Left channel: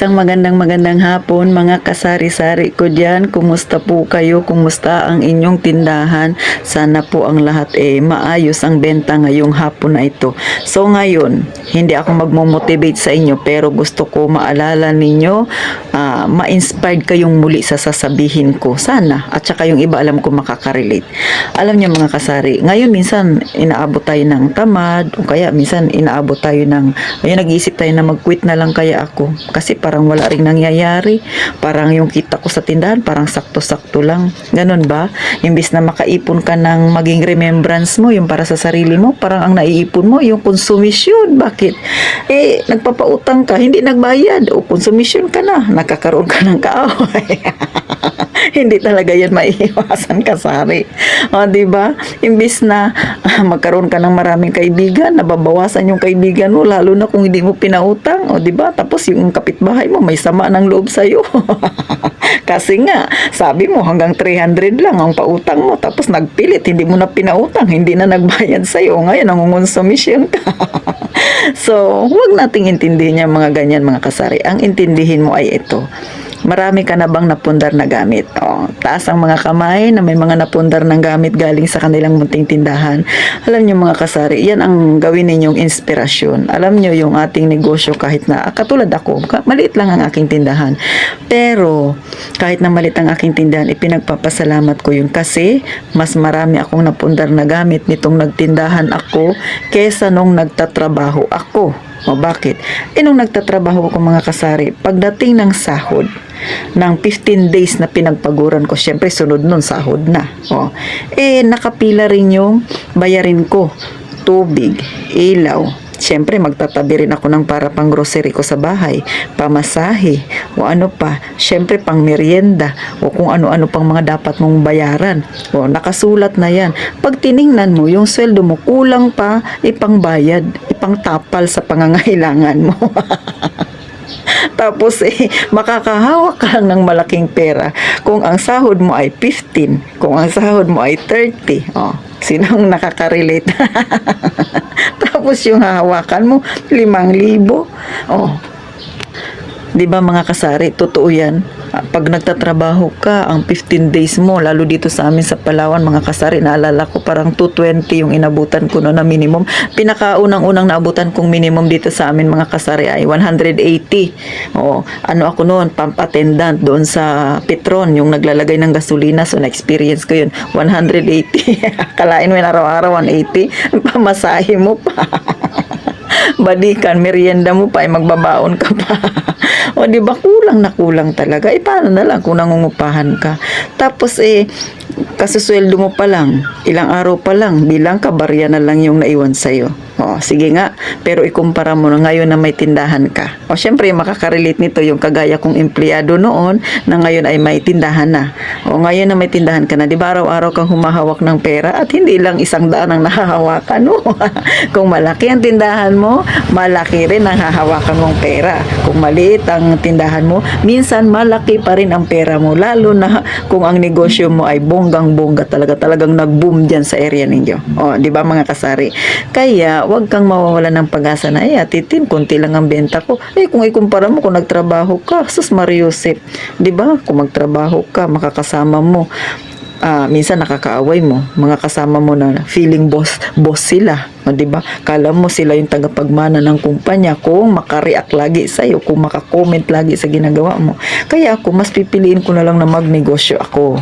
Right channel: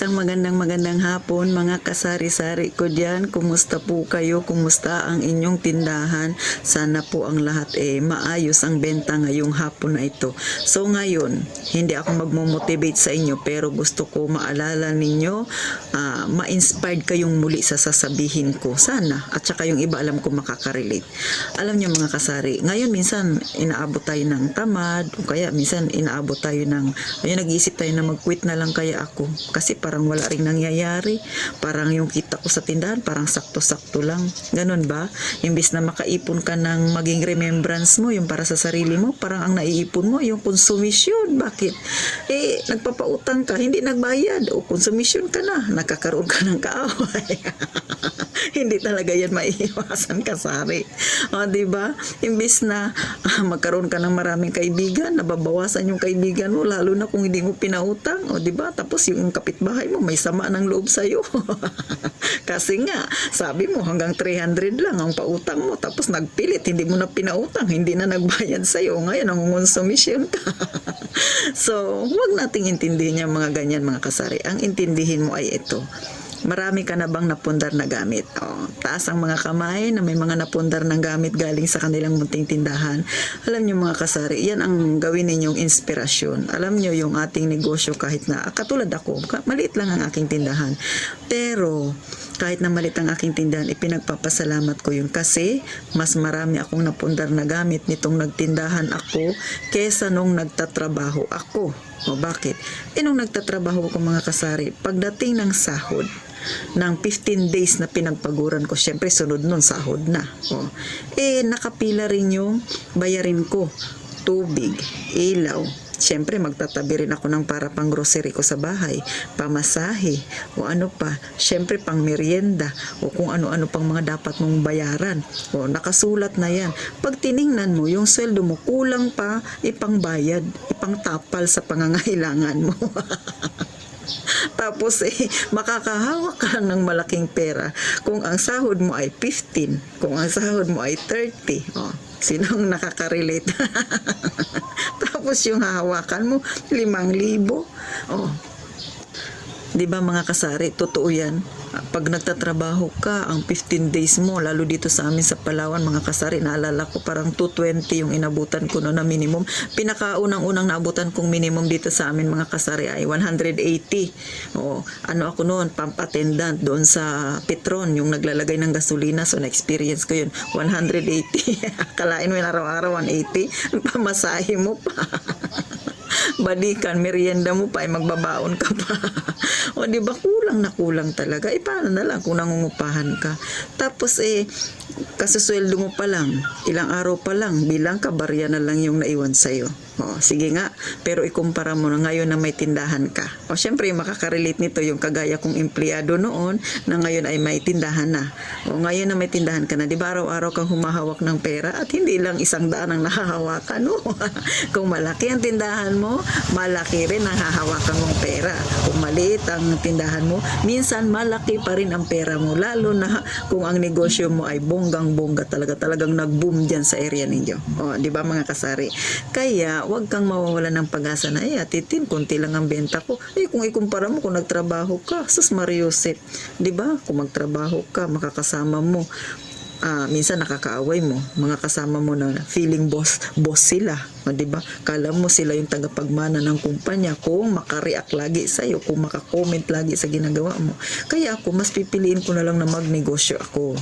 Isang magandang hapon mga kasari-sari ko dyan. Kumusta po kayo? Kumusta ang inyong tindahan? Sana po ang lahat maayos ang benta ngayong hapon na ito. So ngayon, hindi ako magmo-motivate sa inyo pero gusto ko maalala ninyo, ma-inspired kayong muli sa sasabihin ko. Sana. At saka yung iba alam ko makakarelate. Alam niyo mga kasari, ngayon minsan inaabot tayo ng tamad o kaya minsan inaabot tayo ng, nag-iisip tayo na mag-quit na lang kaya ako. Kasi parang wala ring nangyayari. Parang yung kita ko sa tindahan, parang sakto-sakto lang. Ganun ba? Imbis na makaipon ka ng maging remembrance mo, yung para sa sarili mo, parang ang naiipon mo, yung konsumisyon. Bakit? Nagpapautang ka, hindi nagbayad. O konsumisyon ka na, nakakaroon ka ng kaaway. Hindi talaga yan maiiwasan kasari. O, diba? Imbis na magkaroon ka ng maraming kaibigan, nababawasan yung kaibigan mo, lalo na kung hindi mo pinautang. O, diba? Tapos yung kapitbahay mo, may sama ng loob sa'yo. Kasi nga, sabi mo hanggang 300 lang ang pautang mo. Tapos nagpilit, hindi mo na pinautang, hindi na nagbayad sa'yo. Ngayon, nangungonsumisyon ka. So, huwag nating intindihin yung mga ganyan mga kasari. Ang intindihin mo ay ito. Marami ka na bang napundar na gamit? Taas ang mga kamay na may mga napundar ng gamit galing sa kanilang munting tindahan. Alam nyo mga kasari, yan ang gawin ninyong inspirasyon. Alam nyo yung ating negosyo kahit na, katulad ako, maliit lang ang aking tindahan. Pero, kahit na maliit ang aking tindahan, ipinagpapasalamat ko yun kasi mas marami akong napundar na gamit nitong nagtindahan ako kesa nung nagtatrabaho ako. O bakit? Nung nagtatrabaho ko mga kasari, pagdating ng sahod, ng 15 days na pinagpaguran ko, syempre sunod nun sahod na. Nakapila rin yung bayarin ko. Tubig, ilaw. Syempre magtatabi rin ako ng para pang grocery ko sa bahay, pamasahe, o ano pa, syempre pang merienda, o kung ano-ano pang mga dapat mong bayaran. Nakasulat na yan. Pag tiningnan mo, yung sweldo mo, kulang pa ipangbayad, ipangtapal sa pangangailangan mo. Tapos makakahawak ka lang ng malaking pera kung ang sahod mo ay 15, kung ang sahod mo ay 30. Sinong nakaka-relate? Tapos yung hahawakan mo 5,000. Di ba mga kasari, totoo yan. Pag nagtatrabaho ka, ang 15 days mo, lalo dito sa amin sa Palawan, mga kasari, naalala ko parang 220 yung inabutan ko no, na minimum. Pinakaunang-unang naabutan kong minimum dito sa amin, mga kasari, ay 180. Ano ako noon, pump attendant doon sa Petron, yung naglalagay ng gasolina. So, na-experience ko yun, 180. Kalain mo yun araw-araw, 180. Pamasahe mo pa. Balikan, merienda mo pa, ay magbabaon ka pa. Di ba kulang talaga. Paano na lang kung nangungupahan ka? Tapos kasusweldo mo pa lang, ilang araw pa lang, bilang kabarya na lang yung naiwan sa'yo. Sige nga, pero ikumpara mo na ngayon na may tindahan ka. Syempre, makakarelate nito yung kagaya kong empleyado noon na ngayon ay may tindahan na. Ngayon na may tindahan ka na, di ba araw-araw kang humahawak ng pera at hindi lang 100 ang nahahawakan mo. Kung malaki ang tindahan mo, malaki rin ang hahawakan mong pera. Kung maliit ang tindahan mo, minsan malaki pa rin ang pera mo, lalo na kung ang negosyo mo ay bonggang-bongga talagang nag-boom dyan sa area ninyo. Di ba mga kasari? Kaya, huwag kang mawawalan ng pag-asa na, Titin, konti lang ang benta ko. Kung ikumpara mo, kung nagtrabaho ka, sus Mariusip, di ba? Kung magtrabaho ka, makakasama mo, minsan nakakaaway mo, mga kasama mo na feeling boss sila. Di ba? Kala mo sila yung tagapagmana ng kumpanya kung makareact lagi sa'yo, kung makakomment lagi sa ginagawa mo. Kaya ako, mas pipiliin ko na lang na magnegosyo ako.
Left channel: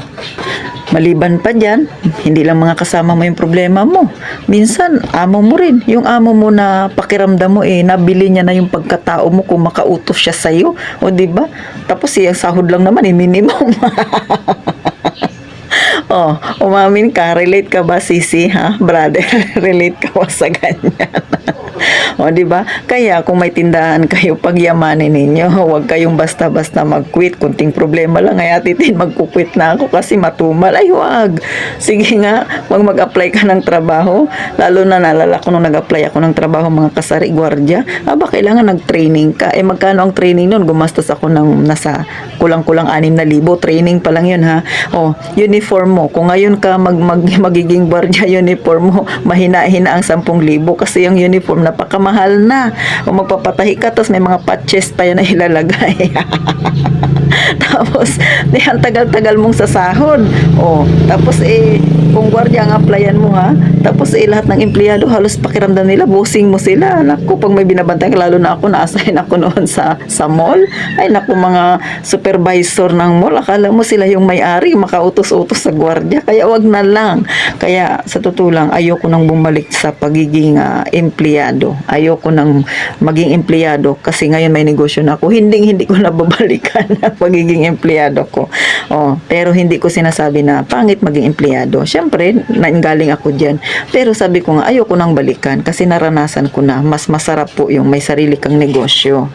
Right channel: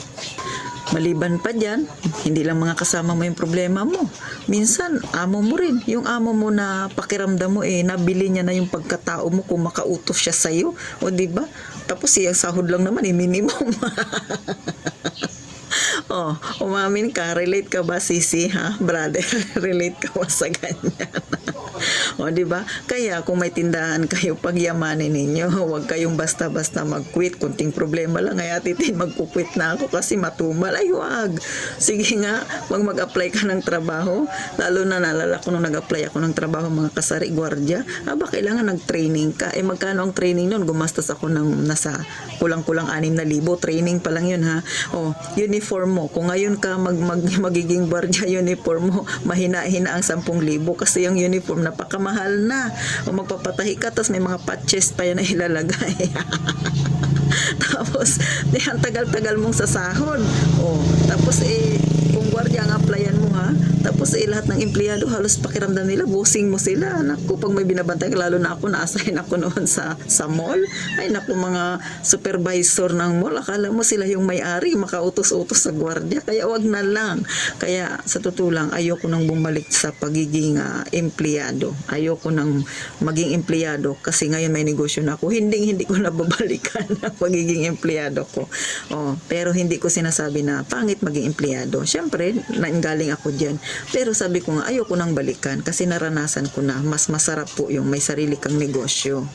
Maliban pa dyan, hindi lang mga kasama mo yung problema mo. Minsan, amo mo rin. Yung amo mo na pakiramdam mo, nabili niya na yung pagkatao mo kung makautos siya sa'yo. Diba? Tapos yung sahod lang naman, minimum. Umamin ka, relate ka ba, sisi, ha? Brother, relate ka ba sa ganyan? Diba? Kaya kung may tindahan kayo, pagyamanin ninyo. Huwag kayong basta-basta mag-quit. Kunting problema lang, Titin, magkukwit na ako kasi matumal. Ay, wag. Sige nga, mag-apply ka ng trabaho. Lalo na nalala ko nung nag-apply ako ng trabaho, mga kasari, gwardiya. Kailangan nag-training ka. Magkano ang training nun? Gumastos ako ng nasa kulang-kulang 6,000. Training pa lang yun, ha? Uniform mo. Kung ngayon ka magiging gwardiya, uniform mo, mahina-hina ang 10,000 kasi yung uniform napakamahal na. Kung magpapatahi ka, tapos may mga patches pa yan na ilalagay. Tapos, ang tagal-tagal mong sasahod. Tapos kung gwardiya ang applyan mo ha, tapos lahat ng empleyado halos pakiramdam nila, bossing mo sila. Naku, pag may binabantay, lalo na ako, na-assign ako noon sa mall. Ay naku, mga supervisor ng mall, akala mo sila yung may-ari, makautos-utos sa gwardiya. Kaya wag na lang. Kaya sa totoo lang, ayoko nang bumalik sa pagiging empleyado. Ayoko nang maging empleyado kasi ngayon may negosyo na ako. Hindi ko na babalikan ang pagiging empleyado ko. Pero hindi ko sinasabi na pangit maging empleyado. Siyempre, nanggaling ako dyan. Pero sabi ko nga, ayoko nang balikan kasi naranasan ko na. Mas masarap po yung may sarili kang negosyo.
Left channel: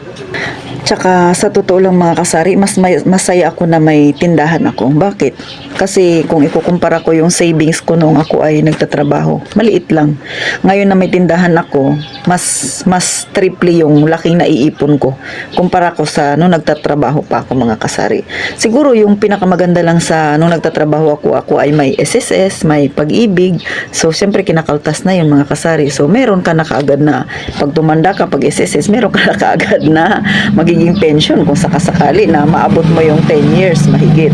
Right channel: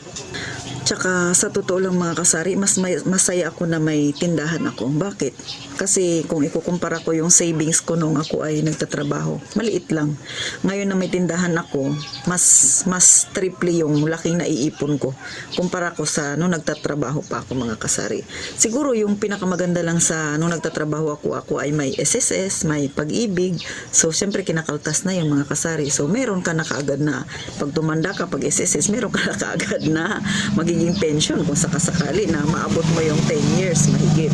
Tsaka sa totoo lang mga kasari, masaya ako na may tindahan ako. Bakit? Kasi kung ikukumpara ko yung savings ko nung ako ay nagtatrabaho, maliit lang. Ngayon na may tindahan ako, mas triple yung laking naiipon ko kumpara ko sa nung nagtatrabaho pa ako mga kasari. Siguro yung pinakamaganda lang sa nung nagtatrabaho ako ay may SSS, may pag-ibig. So siyempre kinakaltas na yung mga kasari. So meron ka na kaagad na pag tumanda ka pag SSS, meron ka na kaagad na magiging pension kung sakasakali na maabot mo yung 10 years mahigit.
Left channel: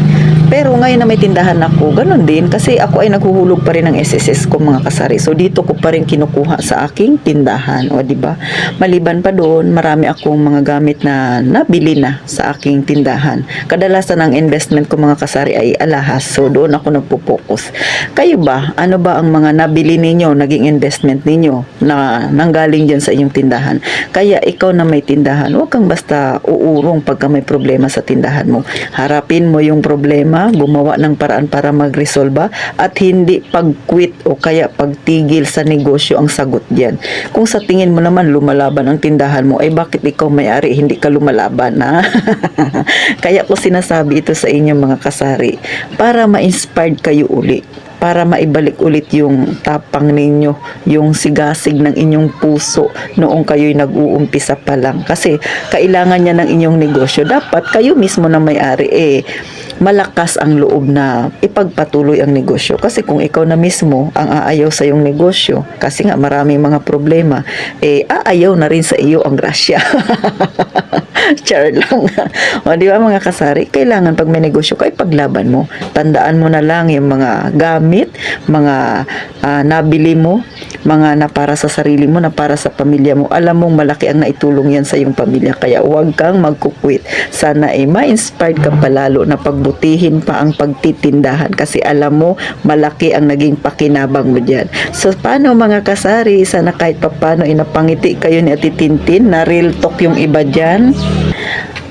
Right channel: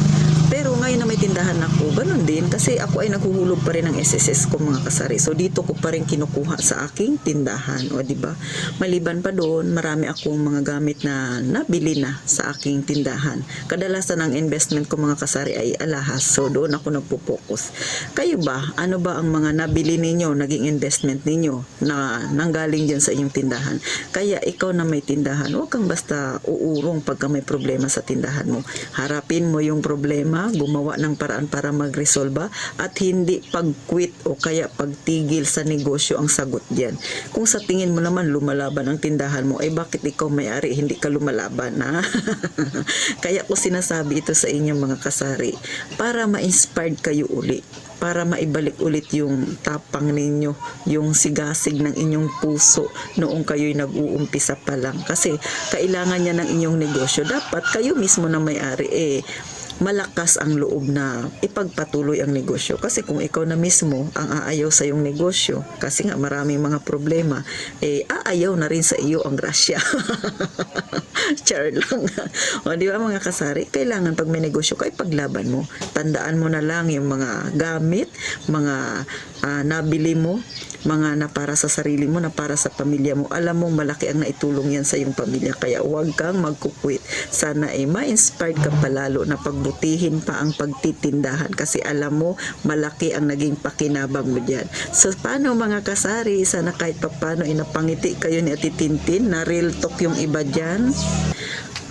Pero ngayon na may tindahan ako, ganun din kasi ako ay naghuhulog pa rin ng SSS ko mga kasari. So dito ko pa rin kinukuha sa aking tindahan, o di ba? Maliban pa doon, marami akong mga gamit na nabili na sa aking tindahan. Kadalasan ang investment ko mga kasari ay alahas. So doon ako nagpo-focus. Kayo ba? Ano ba ang mga nabili ninyo, naging investment ninyo na nanggaling diyan sa inyong tindahan? Kaya ikaw na may tindahan, huwag kang basta uurong pagka may problema sa tindahan mo. Harapin mo yung problema, gumawa ng paraan para mag-resolve at hindi pag-quit o kaya pagtigil sa negosyo ang sagot diyan. Kung sa tingin mo naman lumalaban ang tindahan mo, ay bakit ikaw may-ari hindi ka lumalaban na? Kaya ko sinasabi ito sa inyo mga kasari para ma-inspired kayo uli, para maibalik ulit yung tapang ninyo, yung sigasig ng inyong puso noong kayo'y nag-uumpisa pa lang. Kasi kailangan niya ng inyong negosyo. Dapat kayo mismo na may-ari malakas ang loob na ipagpatuloy ang negosyo. Kasi kung ikaw na mismo ang aayaw sa iyong negosyo, kasi nga maraming mga problema, aayaw na rin sa iyo ang grasya. Char lang. O di ba mga kasari, kailangan pag may negosyo ka, ipaglaban mo. Tandaan mo na lang yung mga gamit, mga nabili mo, mga na para sa sarili mo, na para sa pamilya mo. Alam mong malaki ang naitulong yan sa iyong pamilya. Kaya huwag kang magkukwit. Sana ma-inspired ka palalo na pagbutihin pa ang pagtitindahan kasi alam mo malaki ang naging pakinabang mo dyan. So paano mga kasari, sana kahit papano inapangiti kayo ni Ate Tintin, na real talk yung iba dyan.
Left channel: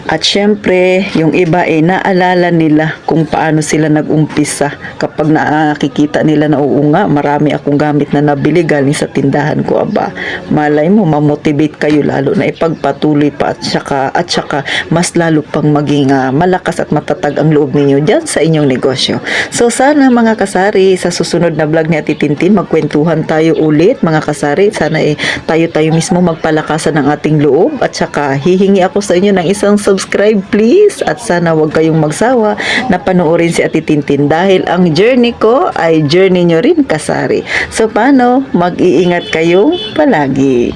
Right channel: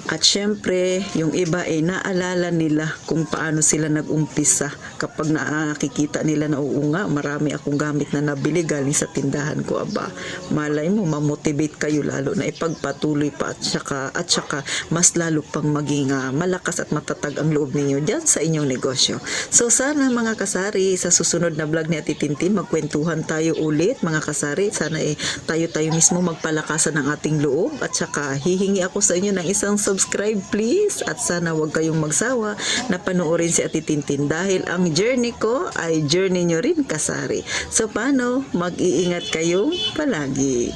At syempre, yung iba naalala nila kung paano sila nag-umpisa. Kapag nakikita nila na oo nga, marami akong gamit na nabili galing sa tindahan ko. Aba, malay mo, mamotivate kayo lalo na ipagpatuloy pa at saka mas lalo pang maging malakas at matatag ang loob ninyo dyan sa inyong negosyo. So sana mga kasari, sa susunod na vlog ni Ate Tintin, magkwentuhan tayo ulit mga kasari. Sana tayo mismo magpalakasan ng ating loob at saka hihingi ako sa inyo ng isang subscribe please at sana wag kayong magsawa na panoorin si Ate Tintin dahil ang journey ko ay journey nyo rin kasari. So paano? Mag-iingat kayong palagi.